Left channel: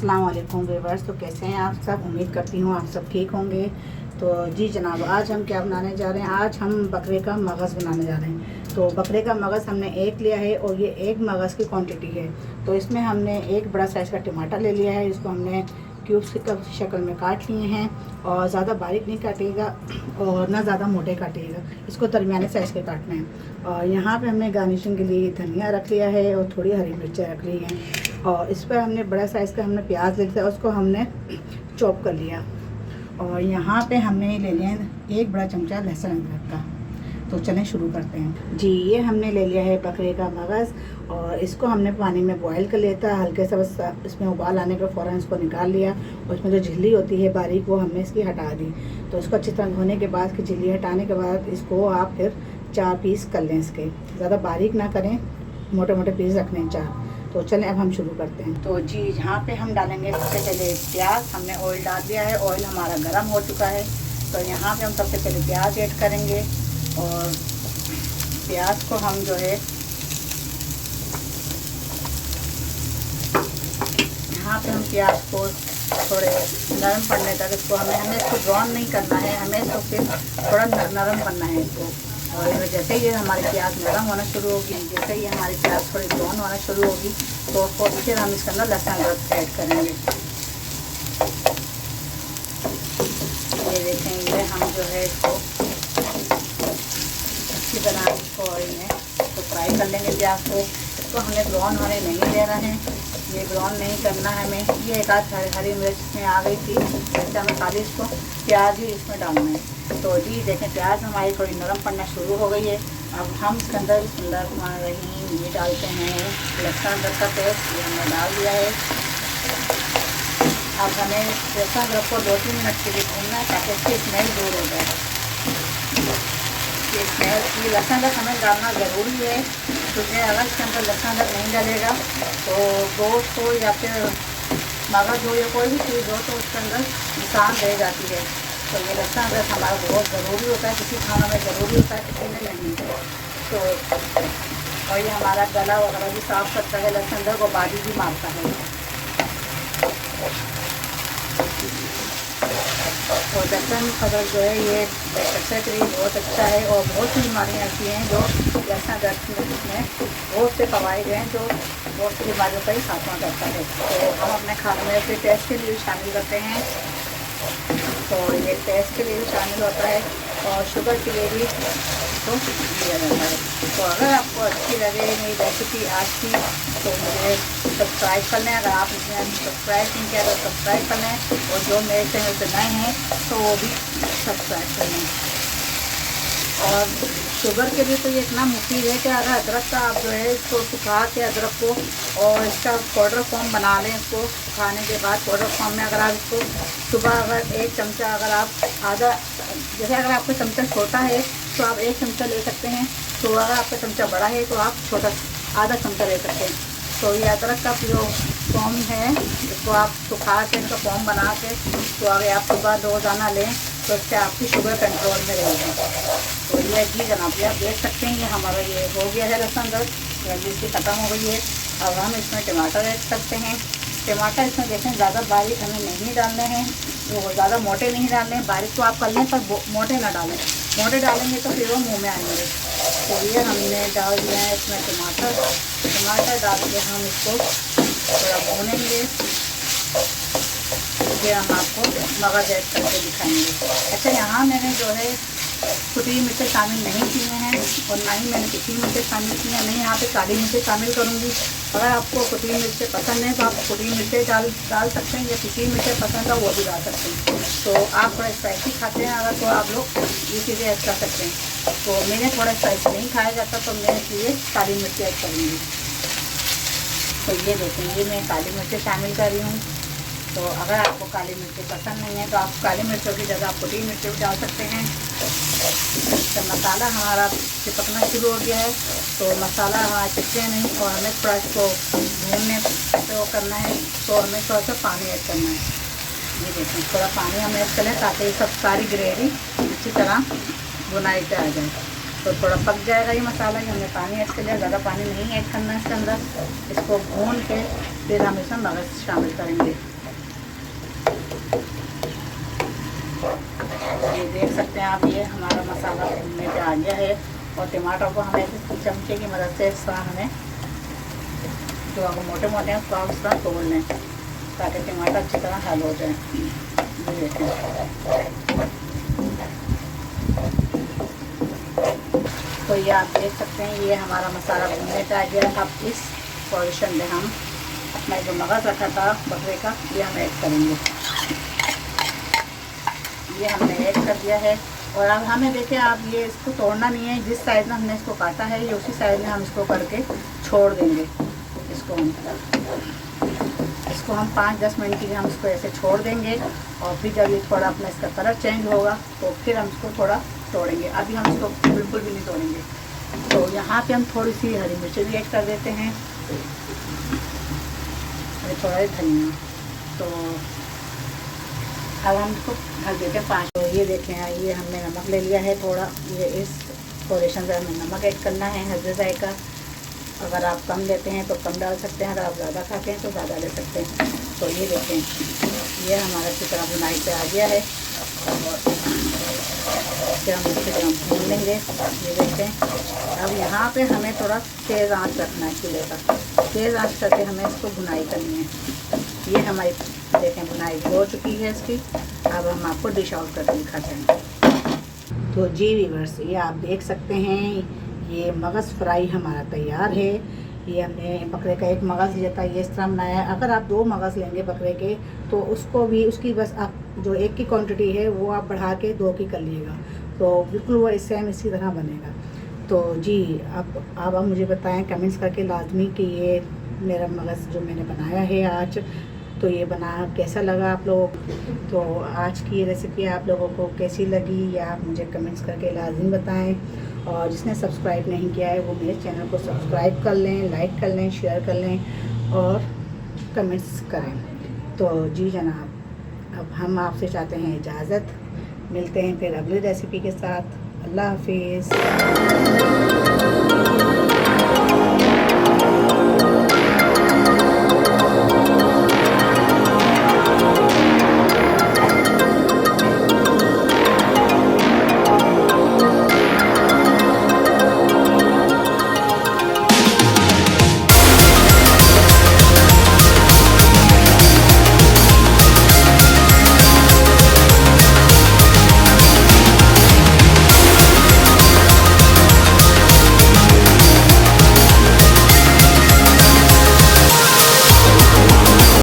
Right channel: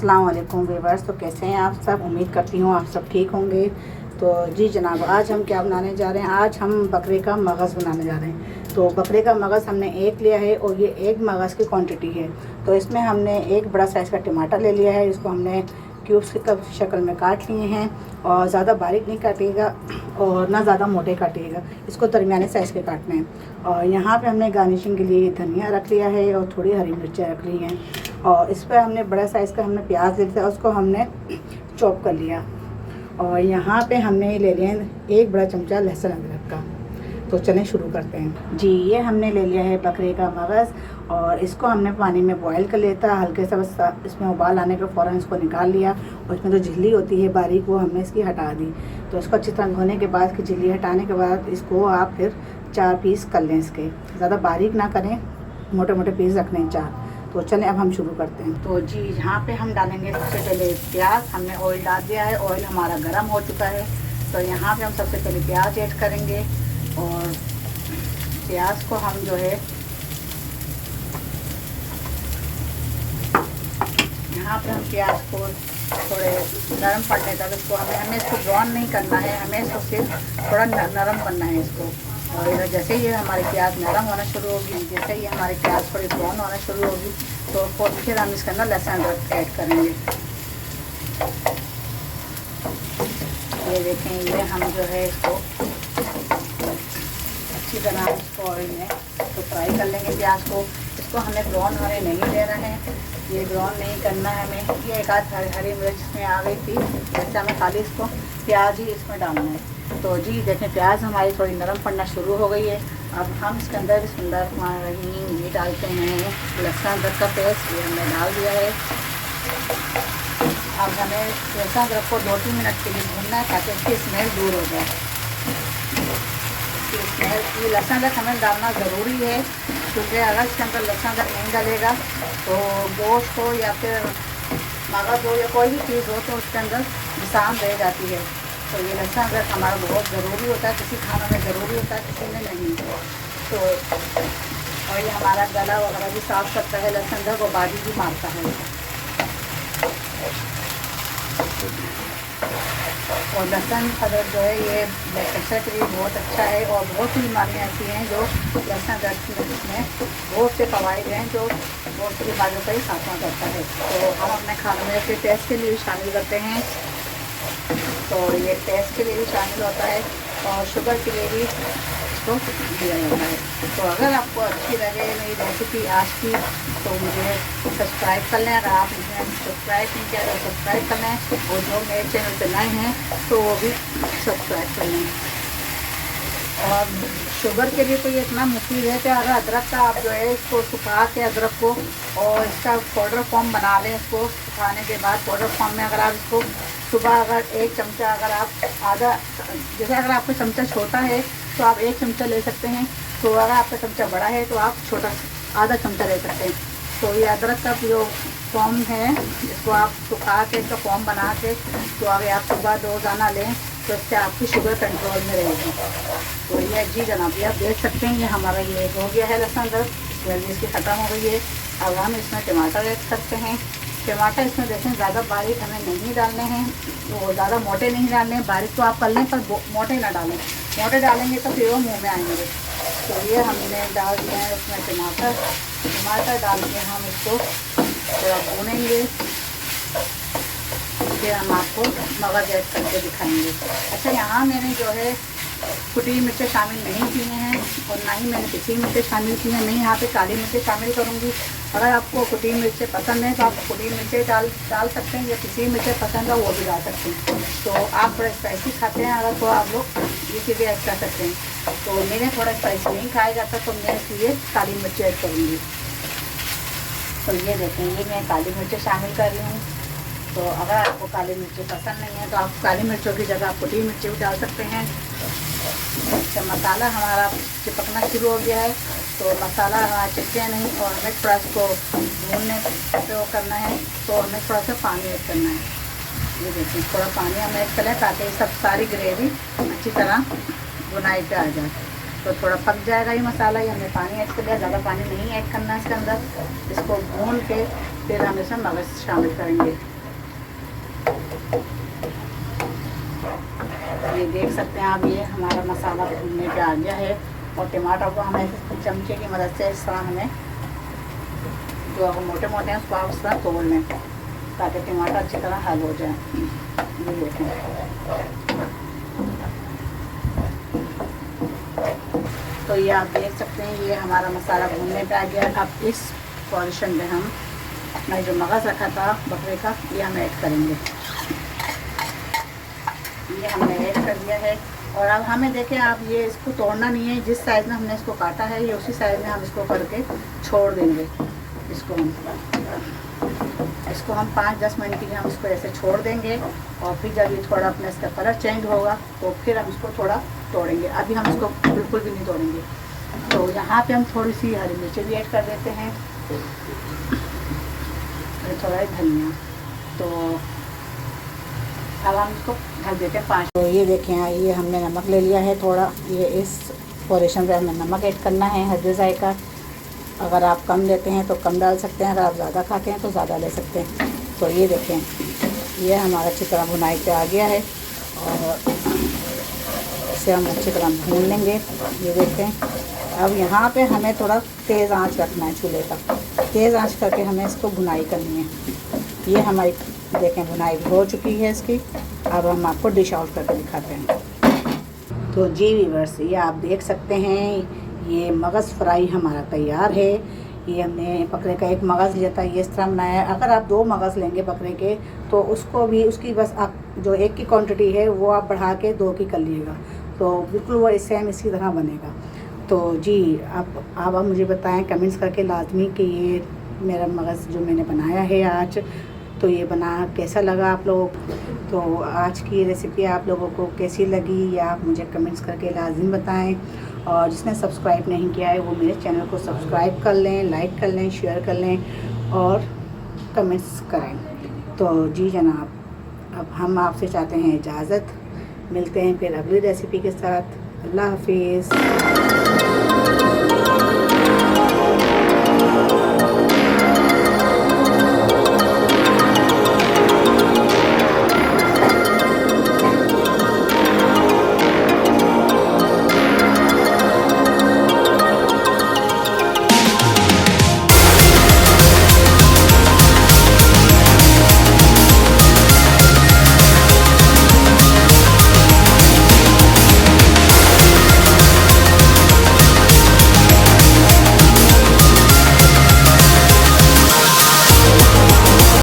अस्सलाम वालेकुम व्यूअर्स। तो कैसे हैं आप सब? उम्मीद करती हूँ आप सब ठीक होंगे। तो जी जनाब, आज हम क्या बनाने जा रहे हैं? आज हम बकरे का मगज़ बनाने जा रहे हैं। तो बकरे का मगज़ हमने एक लिया है और ये एक मगज़ की क्वांटिटी है। तो इसमें हमने एक बड़ा साइज़ का टमाटर ले लिया है, इसको हमने क्यूब्स की शक्ल में काट लिए हैं। और ज़्यादा बारीक नहीं काटिएगा और ना ज़्यादा मोटे काटिएगा, इसको दरमियाने साइज़ के काटने हैं। और यहाँ पे हमने गार्निशिंग के लिए धनिया रख लिया है और थोड़ी हरी मिर्चें रख ली हैं। और इस पर हमने बड़ा साइज़ का हमने प्याज ले लिया, उसको हमने चॉप कर लिया। और यहाँ पे हमने ले लिया एक बड़ा चमचा लहसुन अदरक का। तो चलें शुरू करते हैं। जी, ये हमने ले लिया है बकरे का मगज़ और इसको हमने पानी में बॉईल कर लिया था। हल्के सा बस इसमें उबाल आने के फ़ौरन इसको निकाल लिया और इसमें जो झिल्ली होती है बारीक, वो हमने इसकी हटा दी। तो इसको अच्छी तरह धोने के बाद की झिल्ली हटाने के बाद इसको आप फिर 4 पीस कर लें इसके। ज़्यादा बारीक ना करें, मोटे मोटे पीस रखने हैं 4। तो चलें अब हम शुरू करते हैं। तो जी यहाँ पे हम डालेंगे सबसे पहले प्याज। हमने ऑयल डाल दिया है, ऑयल हमारा गर्म हो चुका है। तो यहाँ पे हम सबसे पहले प्याज ऐड करेंगे और प्याज को हम जो है यहाँ पे हम प्याज को थोड़े नरम पड़ने तक इसको हमें इसको ब्राउन नहीं करना है, हमें इसको फिर थोड़ा नरम करना है इसको। और जैसे ही हमारी प्याज नरम होना शुरू होगी, जैसे ही हमारी प्याज थोड़ी ब्राउन होना शुरू होगी, तो फिर हम इसके अंदर लहसुन अदरक ऐड करेंगे। ये देखें, ये हम जो है इसको अच्छी तरह इसको ऑयल में तो फ्राई कर लेंगे प्याज को। इसको हमें ब्राउन हमें नहीं लेना है, ये ब्राउन नहीं करना है हमें। ये एक आध हरी मिर्च में आ गई थी, जैसे हमें खाली इसको प्याज ही इसमें डालना है। तो जी देखें, प्याज हमारी थोड़ी नरम पड़ना शुरू हो गई है। अब हम इसके अंदर बिस्मिल्लाहिर्रहमानिर्रहीम ये डालते हैं लहसुन अदरक का पेस्ट। ये हमने डाल दिया है। अब हमें लहसुन अदरक को 2-3 मिनट के लिए भूनना है ताकि इसकी स्मेल दूर हो जाए। ये लहसुन अदरक हमें डालना ज़रूरी है, क्योंकि अगर इसके अंदर लहसुन अदरक नहीं डालेगा तो गोश्त हो या फिर मगज़ हो या कोई भी चीज़ हो तो उसके अंदर नुकसान रह जाती है। तो ये लहसुन अदरक हमारा बहुत ज़रूरी होता है, किसी खाना में ज़रूरी होता है, किसी में नहीं। तो और ये हमारा गला वगैरह भी साफ़ करता है, लहसुन अदरक और बादी भी मारता है। और लहसुन अदरक जो है ये सेहत के लिए बहुत अच्छा है। और बहुत सी बीमारियाँ ऐसी हैं जो लहसुन अदरक में बहुत से फ़वाइद हैं जो बहुत सी बीमारियों का ही खात्मा करता है। तो हम अपने खाने में इसे टेस्ट के लिए शामिल करते हैं। तो ये टेस्ट के लिए भी शामिल होता है और शुगर के लिए भी इसको दिया जाता है। तो अगर आपको अच्छी लगे मेरी रेसिपी आज की तो मुझे सब्सक्राइब कर लें। अगर आपने सब्सक्राइब नहीं किया तो सब्सक्राइब कर लें, और जो मेरे चैनल पर नए हैं तो वो भी सब्सक्राइब कर लें। और शुगर के लिए तो ये इतना मुफीद है कि अगर अदरक का आप जो है इसको सुखा के अदरक को और इसका पाउडर फॉर्म बना लें, इसको सुखाने के बाद पाउडर फॉर्म में अगर आप इसको सुबह अगर 1 चमचा, अगर आप आधा, जैसे अगर आपका चमचा छोटा है तो आप 1 चमचा ले सकते हैं। तो अगर आपका चमचा बड़ा है तो आप छोटा आधा चमचा ले सकते हैं। तो ये अदरक का जो फॉर्म है इसको आप सुखा के इसका फॉर्म बना के तो अगर आप सुबह रोज़ाना लें तो इससे आपकी शुगर कंट्रोल में रहेगी। तो ये जी जनाब, ये आप देख सकते हैं ये हमारा ये हो गया है लहसुन अदरक, जल्दी इसकी ख़त्म हो गई है। अब हम इसमें टमाटर ऐड करते हैं। टमाटर इसमें देखें ज़्यादा बारीक हमें नहीं डालने हैं, वो ज़्यादा मोटे नहीं डालने हैं। बारीक तो आप कर लें पर मोटे ना डालें, मोटे डालेंगे तो फिर वो मुँह में आएंगे। तो ये हमने डाल दिया है इसमें टमाटर डाल के हम इसको थोड़ा भूनेंगे, फिर हम आपको मगज़ ऐड करके दिखाएंगे। अच्छा, यहाँ मैंने जो है कुटी मिर्चें शामिल नहीं की हैं और ना ही मैंने पिसी मिर्चें शामिल की हैं। मैं यहाँ पे काली मिर्चें शामिल करूँगी। अगर आपको कुटी मिर्चें पसंद है तो आप कुटी मिर्चें डाल सकते हैं, या पिसी मिर्चें पसंद है वो भी डाल सकते हैं। तो आप थोड़ा स्पाइसी खाते हैं अगर, तो आप लोग ये चीज़ें ऐड कर सकते हैं। तो मैंने थोड़ा स्पाइसी नहीं खाया जाता तो मैं इसलिए काली मिर्चें ऐड करूँगी। तो ये देखें, ये मैं काली मिर्चें शामिल कर रही हूँ। तो अगर आपको काली मिर्ची पसंद नहीं है तो आप काली मिर्चों की जगह आप कुटी मिर्ची भी डाल सकते हैं। तो मसाला हमारा चिपकना शुरू हो गया है, तो मसाला हमारा चिपके नहीं और हमें थोड़ा इसको भूनने पे वो करना है। तो हमें थोड़ा सा पानी ऐड करना है। ये देखिए, थोड़ा पानी हम ऐड करें ताकि सब सारी ग्रेवी अच्छी तरह बुनाई पे आ जाए। तो थोड़ा पक जाएगा ये मसाला। ये हमने पानी ऐड कर लिया, ज़्यादा पानी नहीं ऐड करना है इसके अंदर। इसको भून के फिर हम इसमें मगज़ शामिल करेंगे। ये देख सकते हैं आप, ये हमारा मसाला भूनने पे आ गया है। और टमाटर को हमें चमचे की मदद से इस तरह हमें, जो अगर मोटे मोटे हैं उसको आप इस तरह तोड़ लें ताकि टमाटर अच्छी तरह हल हो जाए। ये देखें, तो ये आप देख सकते हैं ये हमारा मसाला भूनने पे आ गया है। अब इस पोजीशन में मैं जो मगज़ रखा था बकरे का, ये हम ऐड करेंगे। ये हमने ऐड कर दिया है। और अब हमें देखें आप, ये इसको तोड़ना नहीं है, जिस साइज़ में हमने इसको काटा है ये उसी साइज़ में हम इसको करके छोड़ देंगे। इसको हम 5-10 मिनट के लिए हम इसको ऐसे छोड़ देंगे। और फिर जब ये थोड़ा अपना इसका कलर चेंज होगा तो फिर हम इसको थोड़ा तोड़ेंगे। अभी हम इसको बिल्कुल भी नहीं तोड़ेंगे। तो यहाँ पे हम थोड़ी सी हरी मिर्ची भी ऐड कर देते हैं और थोड़ा ही धनिया। तो अब हम इसको ढक देते हैं 5। तो ये देखें, ये हमने नमक ले लिया है थोड़ा। ये इस पोजीशन पे हमें नमक ऐड करना है हस्बे जायका। अगर आप कम लेते हैं तो कम डाल सकते हैं, अगर आप ज़्यादा खाते हैं तो ज़्यादा ले सकते हैं। तो ये देखें, ये हमारा अच्छी तरह भुनाई पे आ गया है और इसे हम अच्छी तरह भून लेंगे। ये देखें, अब यहाँ पे हमें थोड़ा तेज़ आंच रखना है चूल्हे का। तेज़ आंच करके हमें इसको भुनाई करनी है। ये हमारी देखें भुनाई हो चुकी है इसकी। अब हम आपको डिश आउट करके दिखाते हैं। तो जी व्यूअर्स, ये आप देख सकते हैं, ये मगज़ फ्राई हमारा तैयार है। ये हमने बकरे का एक मगज़ लिया था, ये इस तरह बनाया है। अगर आप 2 मगज़ लेंगे बकरे के तो उसको भी, उसकी बस आप जो 1 की क्वांटिटी है वो आप बढ़ा के 2 की कर लीजिएगा, तो बिल्कुल वो सेम इसी तरह बनेगा। तो जी आप मुझे बताएं कमेंट्स करके लाजमी कि ये मेरा मगज़ जो मैंने बनाया है आज, तो ये बना कैसा लगा आप लोगों को। तो आज की रेसिपी आप लोगों को कैसी लगी या आप मुझे कमेंट्स करके लाजमी बताएं। और जिसने सब्सक्राइब नहीं किया है वो मेरे चैनल को सब्सक्राइब कर लें, लाइक कर लें, शेयर कर लें और कमेंट्स करें। तो जी जनाब, अब हम आपसे चाहते हैं इजाज़त। मिलते हैं फिर अगली रेसिपी के साथ। अल्लाह हाफिज़।